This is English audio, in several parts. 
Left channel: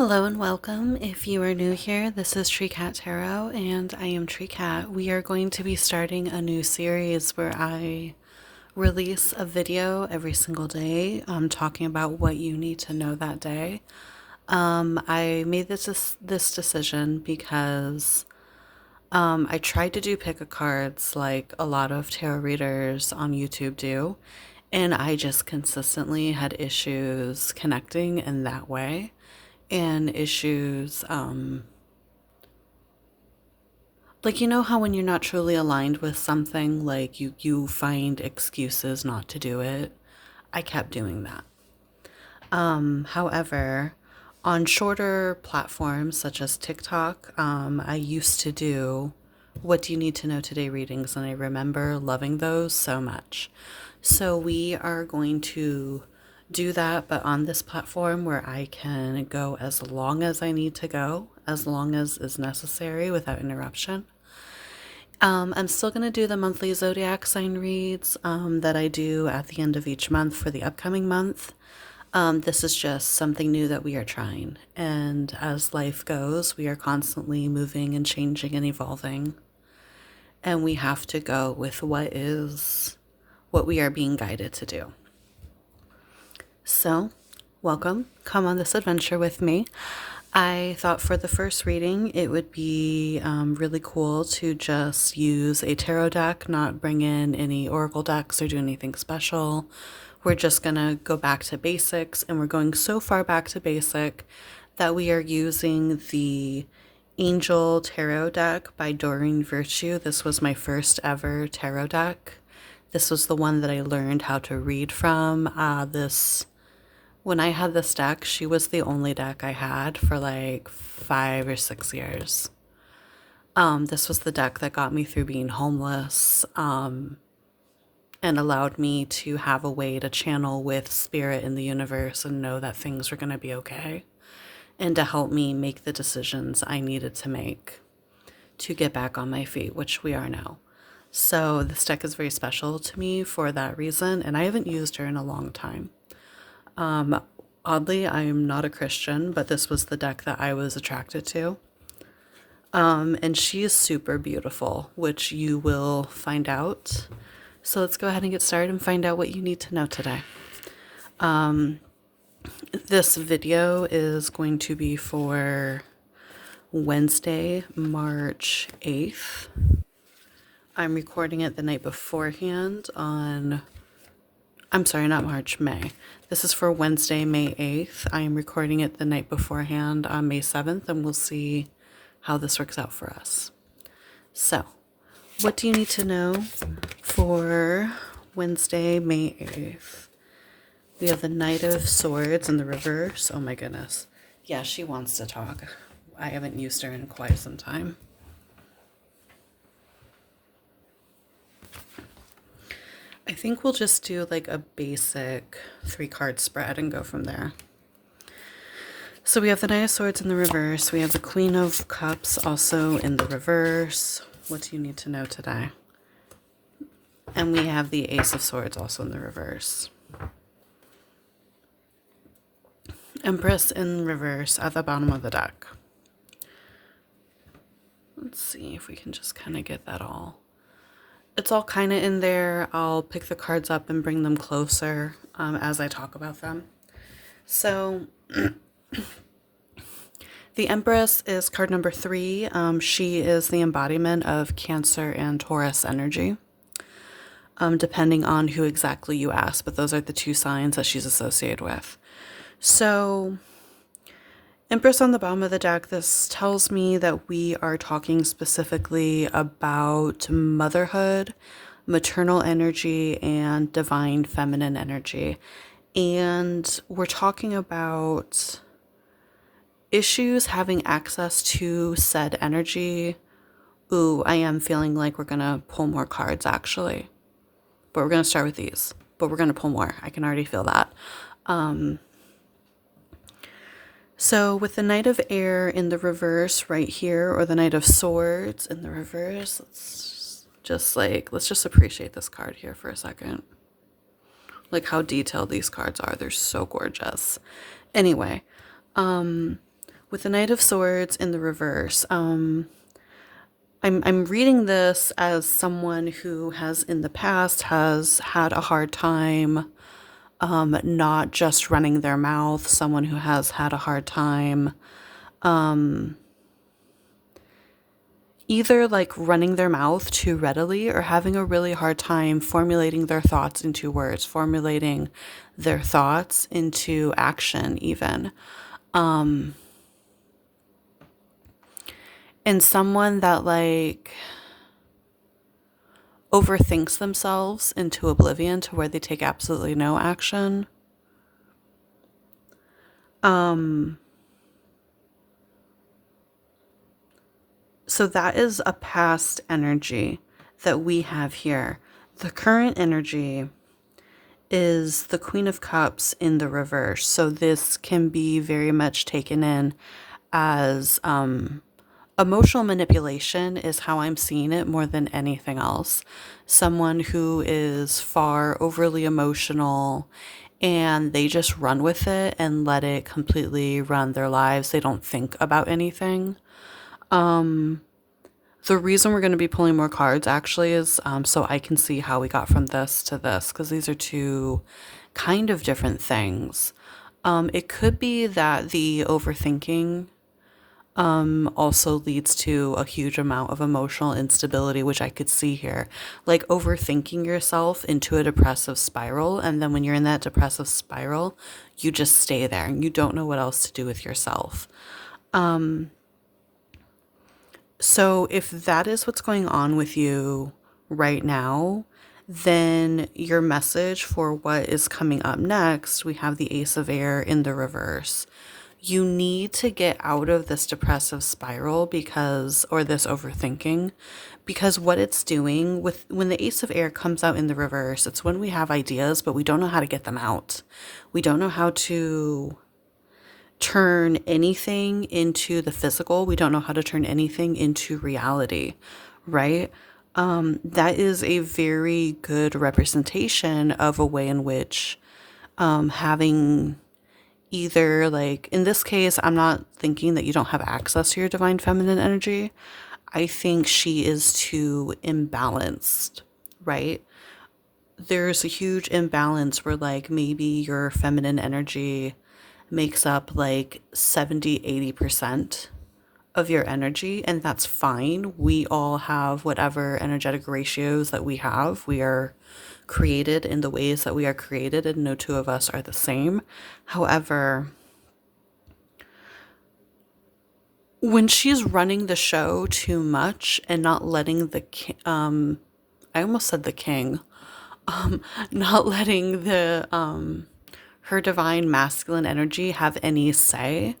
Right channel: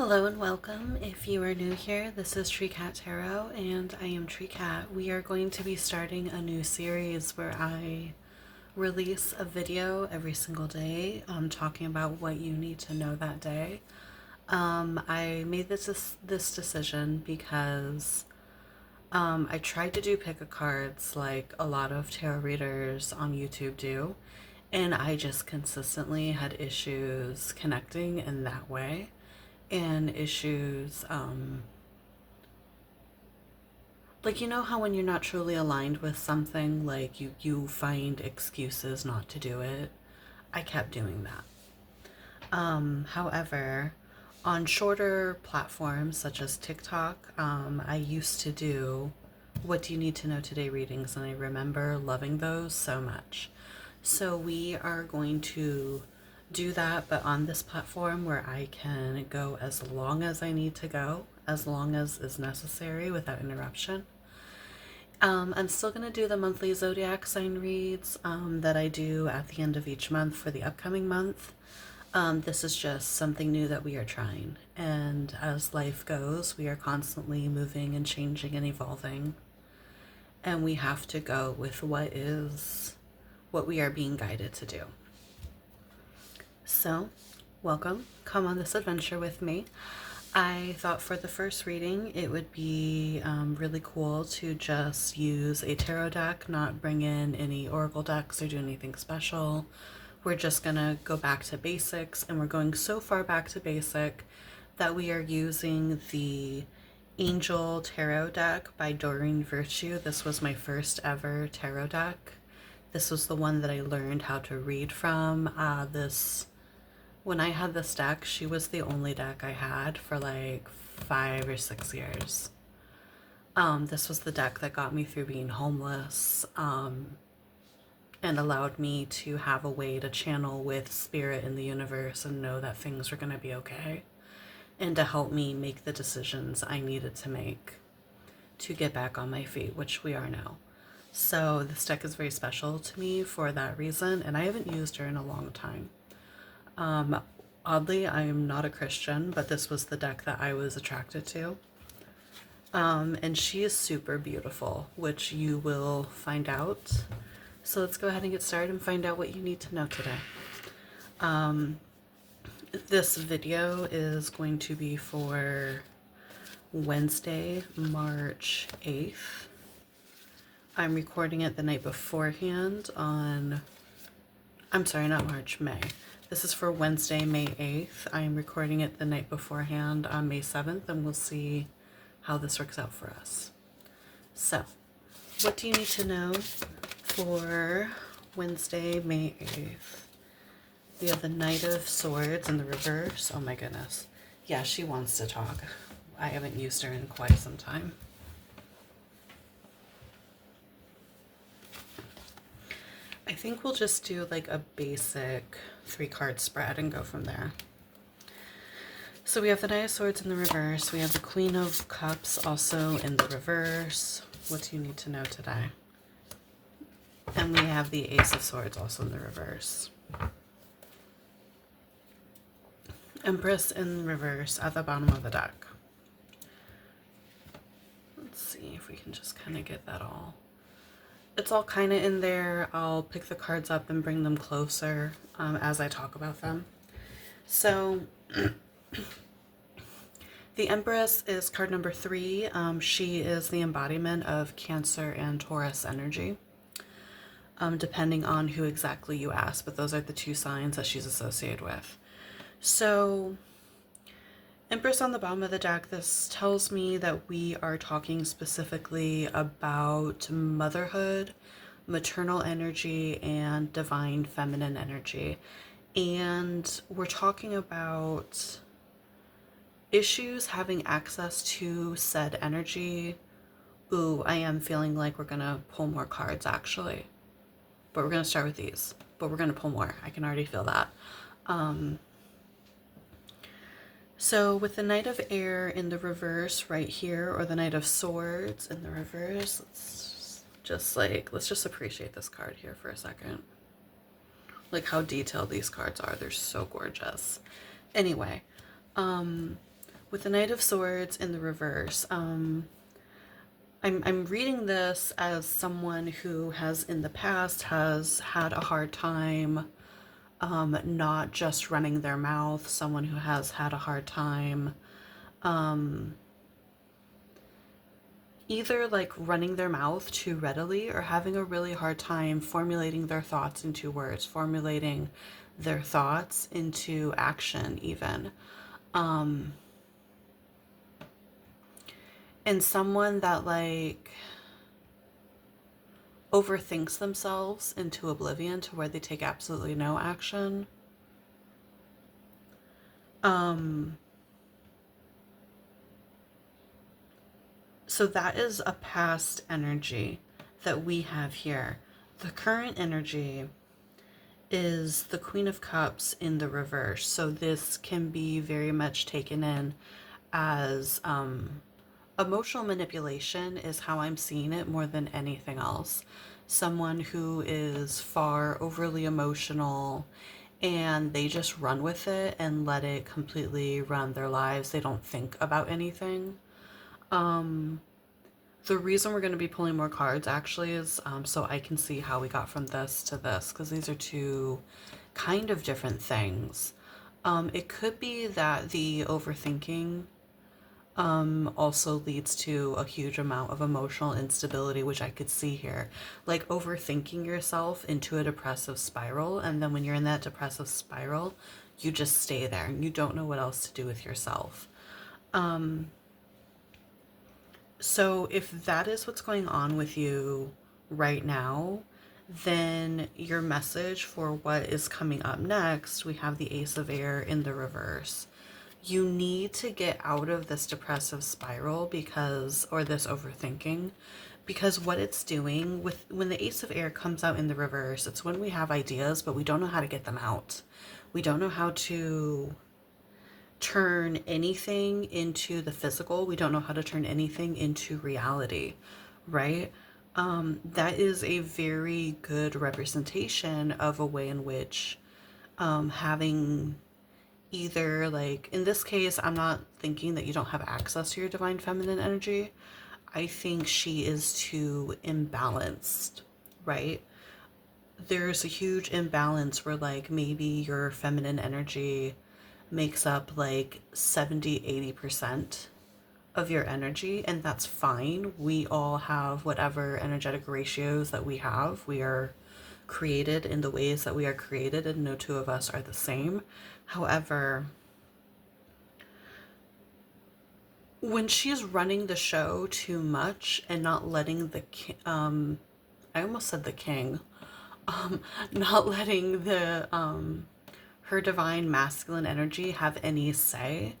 Hello and welcome. If you are new here, this is Tree Cat Tarot and I am Tree Cat. We are going to be starting a new series where I release a video every single day talking about what you need to know that day. I made this decision because I tried to do pick a cards like a lot of tarot readers on YouTube do, and I just consistently had issues connecting in that way and issues like, you know how when you're not truly aligned with something, like you find excuses not to do it. I kept doing that. However, on shorter platforms such as TikTok, I used to do what do you need to know today readings, and I remember loving those so much. So we are going to do that, but on this platform where I can go as long as I need to go, as long as is necessary without interruption. I'm still going to do the monthly zodiac sign reads that I do at the end of each month for the upcoming month. This is just something new that we are trying. And as life goes, we are constantly moving and changing and evolving. And we have to go with what we are being guided to do. So, welcome. Come on this adventure with me. I thought for the first reading it would be really cool to just use a tarot deck, not bring in any oracle decks or do anything special. We're just gonna go back to basics, and we're going so far back to basic that we are using the Angel Tarot deck by Doreen Virtue. This was my first ever tarot deck. This was the one that I learned how to read from. When I had this deck, she was the only deck I had for like 5 or 6 years. This was the deck that got me through being homeless, and allowed me to have a way to channel with spirit in the universe and know that things were going to be okay, and to help me make the decisions I needed to make to get back on my feet, which we are now. So this deck is very special to me for that reason, and I haven't used her in a long time. Oddly, I am not a Christian, but this was the deck that I was attracted to. And she is super beautiful, which you will find out. So let's go ahead and get started and find out what you need to know today. This video is going to be for Wednesday, March 8th. I'm recording it the night beforehand I'm sorry, not March, May. This is for Wednesday, May 8th. I am recording it the night beforehand on May 7th, and we'll see how this works out for us. So, what do you need to know for Wednesday, May 8th? We have the Knight of Swords in the reverse. Oh my goodness. Yeah, she wants to talk. I haven't used her in quite some time. I think we'll just do like a basic 3-card spread and go from there. So we have the Knight of Swords in the reverse. We have the Queen of Cups also in the reverse. What do you need to know today? And we have the Ace of Swords also in the reverse. Empress in reverse at the bottom of the deck. Let's see if we can just kind of get that all. It's all kind of in there. I'll pick the cards up and bring them closer as I talk about them. So the Empress is card number 3. She is the embodiment of Cancer and Taurus energy, depending on who exactly you ask, but those are the 2 signs that she's associated with. So Empress on the bottom of the deck, this tells me that we are talking specifically about motherhood, maternal energy, and divine feminine energy. And we're talking about issues having access to said energy. Ooh, I am feeling like we're going to pull more cards actually. But we're going to start with these. But we're going to pull more. I can already feel that. So with the Knight of Air in the reverse right here, or the Knight of Swords in the reverse, let's just appreciate this card here for a second. Like how detailed these cards are. They're so gorgeous. Anyway, With the Knight of Swords in the reverse, I'm reading this as someone who has in the past has had a hard time not just running their mouth, someone who has had a hard time either like running their mouth too readily or having a really hard time formulating their thoughts into words, formulating their thoughts into action, even. And someone that like overthinks themselves into oblivion to where they take absolutely no action. So that is a past energy that we have here. The current energy is the Queen of Cups in the reverse. So this can be very much taken in as emotional manipulation is how I'm seeing it more than anything else. Someone who is far overly emotional and they just run with it and let it completely run their lives. They don't think about anything. The reason we're going to be pulling more cards actually is so I can see how we got from this to this, because these are two kind of different things. It could be that the overthinking also leads to a huge amount of emotional instability, which I could see here. Like overthinking yourself into a depressive spiral, and then when you're in that depressive spiral, you just stay there and you don't know what else to do with yourself. So if that is what's going on with you right now, then your message for what is coming up next, we have the Ace of Air in the reverse. You need to get out of this depressive spiral because, or this overthinking, because what it's doing with when the Ace of Air comes out in the reverse, it's when we have ideas, but we don't know how to get them out. We don't know how to turn anything into the physical. We don't know how to turn anything into reality, right? That is a very good representation of a way in which having either, like in this case, I'm not thinking that you don't have access to your divine feminine energy. I think she is too imbalanced, right? There's a huge imbalance where like maybe your feminine energy makes up like 70-80% of your energy, and that's fine. We all have whatever energetic ratios that we have. We are created in the ways that we are created, and no two of us are the same. However, when she's running the show too much and not letting the I almost said the king, not letting the her divine masculine energy have any say,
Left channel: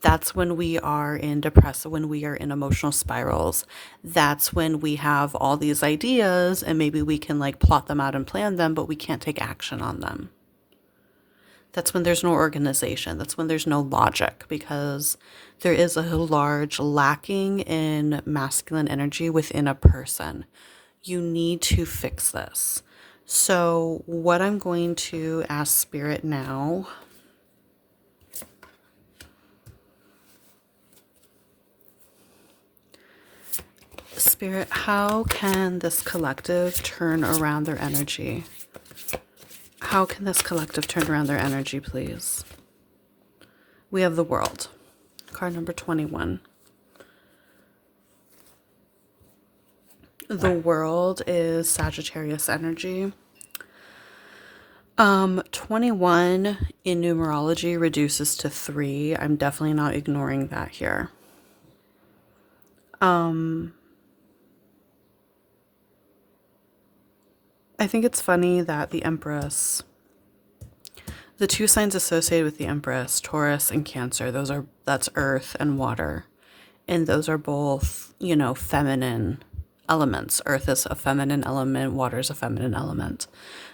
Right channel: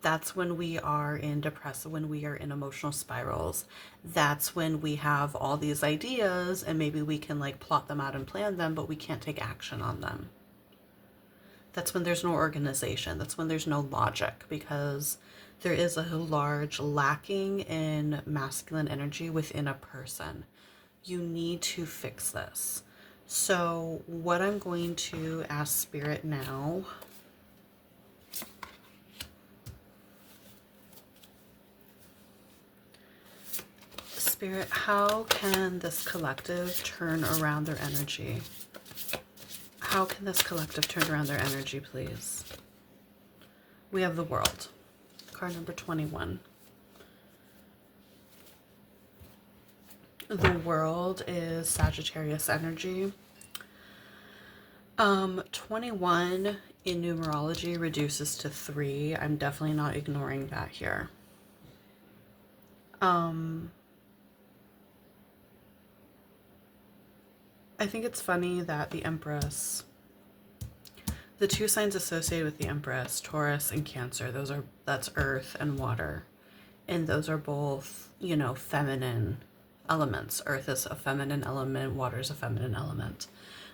that's when we are in depressive, when we are in emotional spirals. That's when we have all these ideas and maybe we can like plot them out and plan them, but we can't take action on them. That's when there's no organization. That's when there's no logic, because there is a large lacking in masculine energy within a person. You need to fix this. So what I'm going to ask Spirit now, Spirit, how can this collective turn around their energy? How can this collective turn around their energy, please? We have the World, card number 21. The World is Sagittarius energy. 21 in numerology reduces to 3. I'm definitely not ignoring that here. I think it's funny that the Empress, the two signs associated with the Empress, Taurus and Cancer, that's earth and water. And those are both, you know, feminine elements. Earth is a feminine element, water is a feminine element.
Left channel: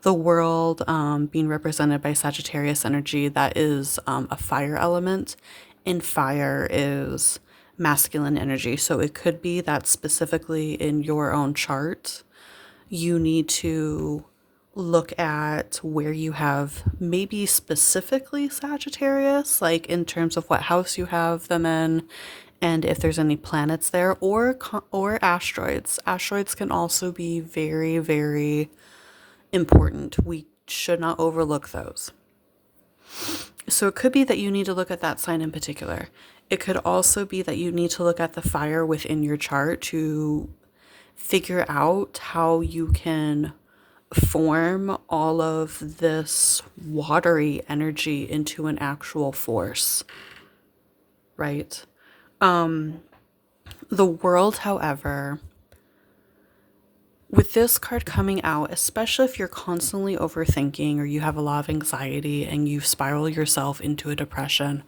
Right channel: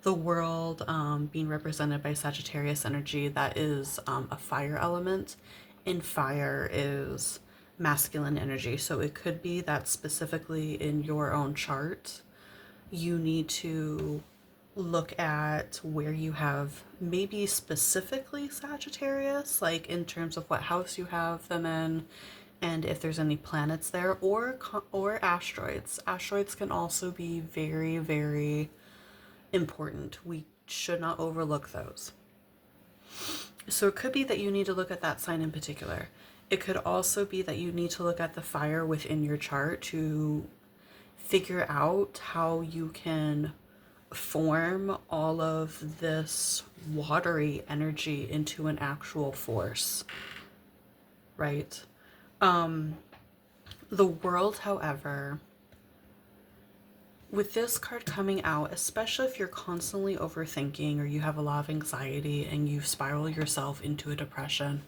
The World being represented by Sagittarius energy, that is a fire element, and fire is masculine energy. So it could be that specifically in your own chart, you need to look at where you have maybe specifically Sagittarius, like in terms of what house you have them in, and if there's any planets there, or asteroids. Asteroids can also be very, very important. We should not overlook those. So it could be that you need to look at that sign in particular. It could also be that you need to look at the fire within your chart to figure out how you can form all of this watery energy into an actual force, right? The world, however, with this card coming out, especially if you're constantly overthinking or you have a lot of anxiety and you spiral yourself into a depression,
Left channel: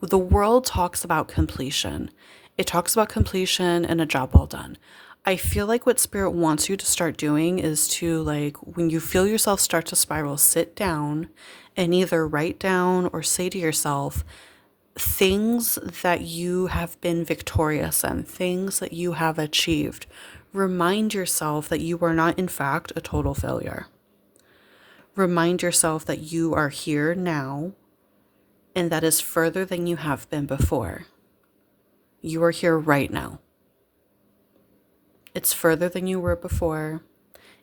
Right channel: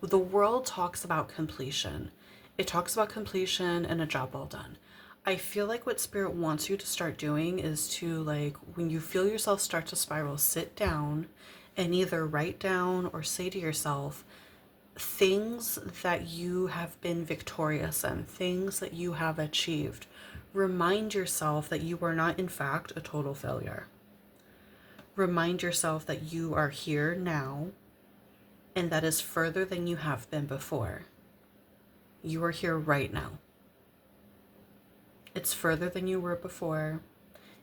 the world talks about completion. It talks about completion and a job well done. I feel like what Spirit wants you to start doing is to, like, when you feel yourself start to spiral, sit down and either write down or say to yourself things that you have been victorious in, things that you have achieved. Remind yourself that you are not, in fact, a total failure. Remind yourself that you are here now, and that is further than you have been before. You are here right now. It's further than you were before.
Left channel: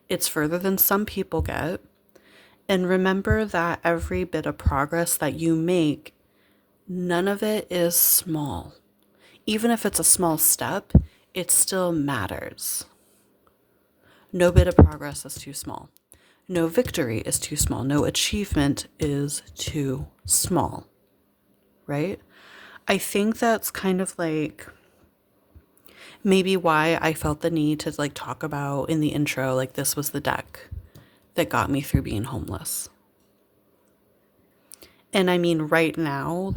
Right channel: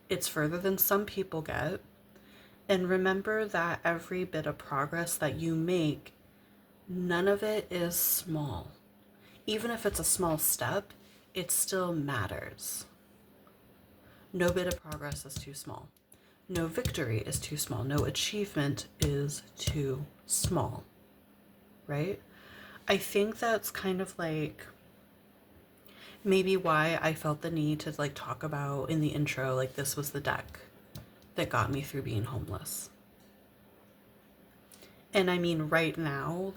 It's further than some people get. And remember that every bit of progress that you make, none of it is small. Even if it's a small step, it still matters. No bit of progress is too small. No victory is too small. No achievement is too small, right? I think that's kind of like maybe why I felt the need to like talk about in the intro, like this was the deck that got me through being homeless. And I mean, right now,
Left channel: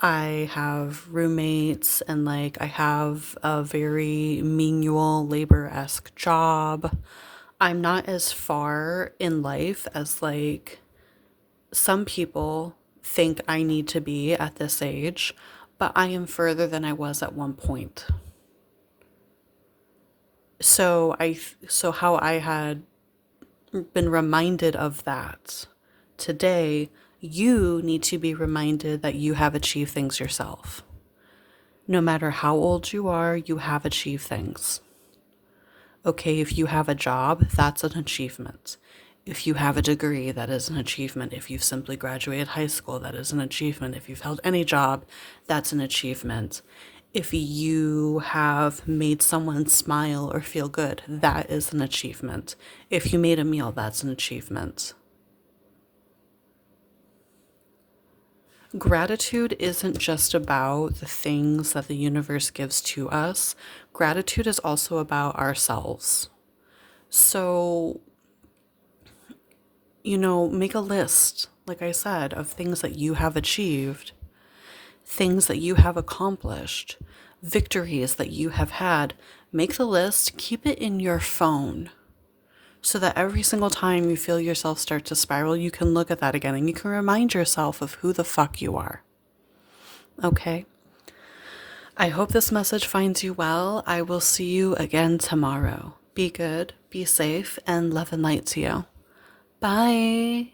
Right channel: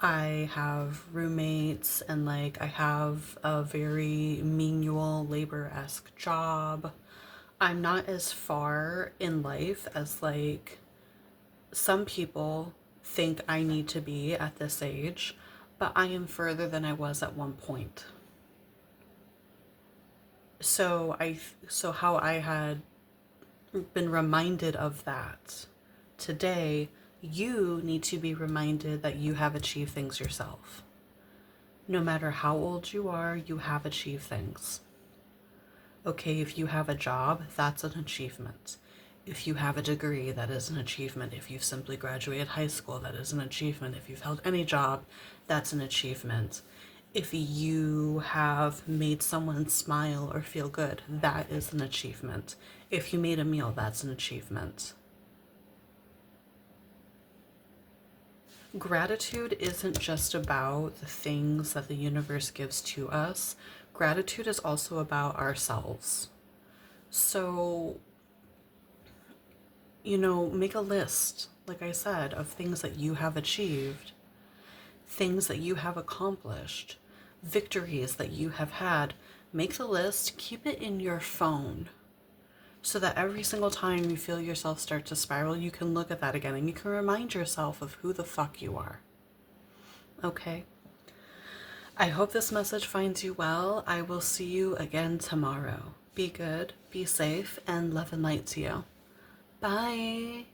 I have roommates and like I have a very menial labor-esque job. I'm not as far in life as like some people think I need to be at this age, but I am further than I was at one point. So how I had been reminded of that today, you need to be reminded that you have achieved things yourself. No matter how old you are, you have achieved things. Okay, if you have a job, that's an achievement. If you have a degree, that is an achievement. If you've simply graduated high school, that is an achievement. If you've held any job, that's an achievement. If you have made someone smile or feel good, that is an achievement. If you made a meal, that's an achievement. Gratitude isn't just about the things that the universe gives to us. Gratitude is also about ourselves. So, make a list, like I said, of things that you have achieved, things that you have accomplished, victories that you have had. Make the list, keep it in your phone so that every single time you feel yourself start to spiral, you can look at that again and you can remind yourself of who the fuck you are. Okay? I hope this message finds you well. I will see you again tomorrow. Be good, be safe, and love and light to you. Bye.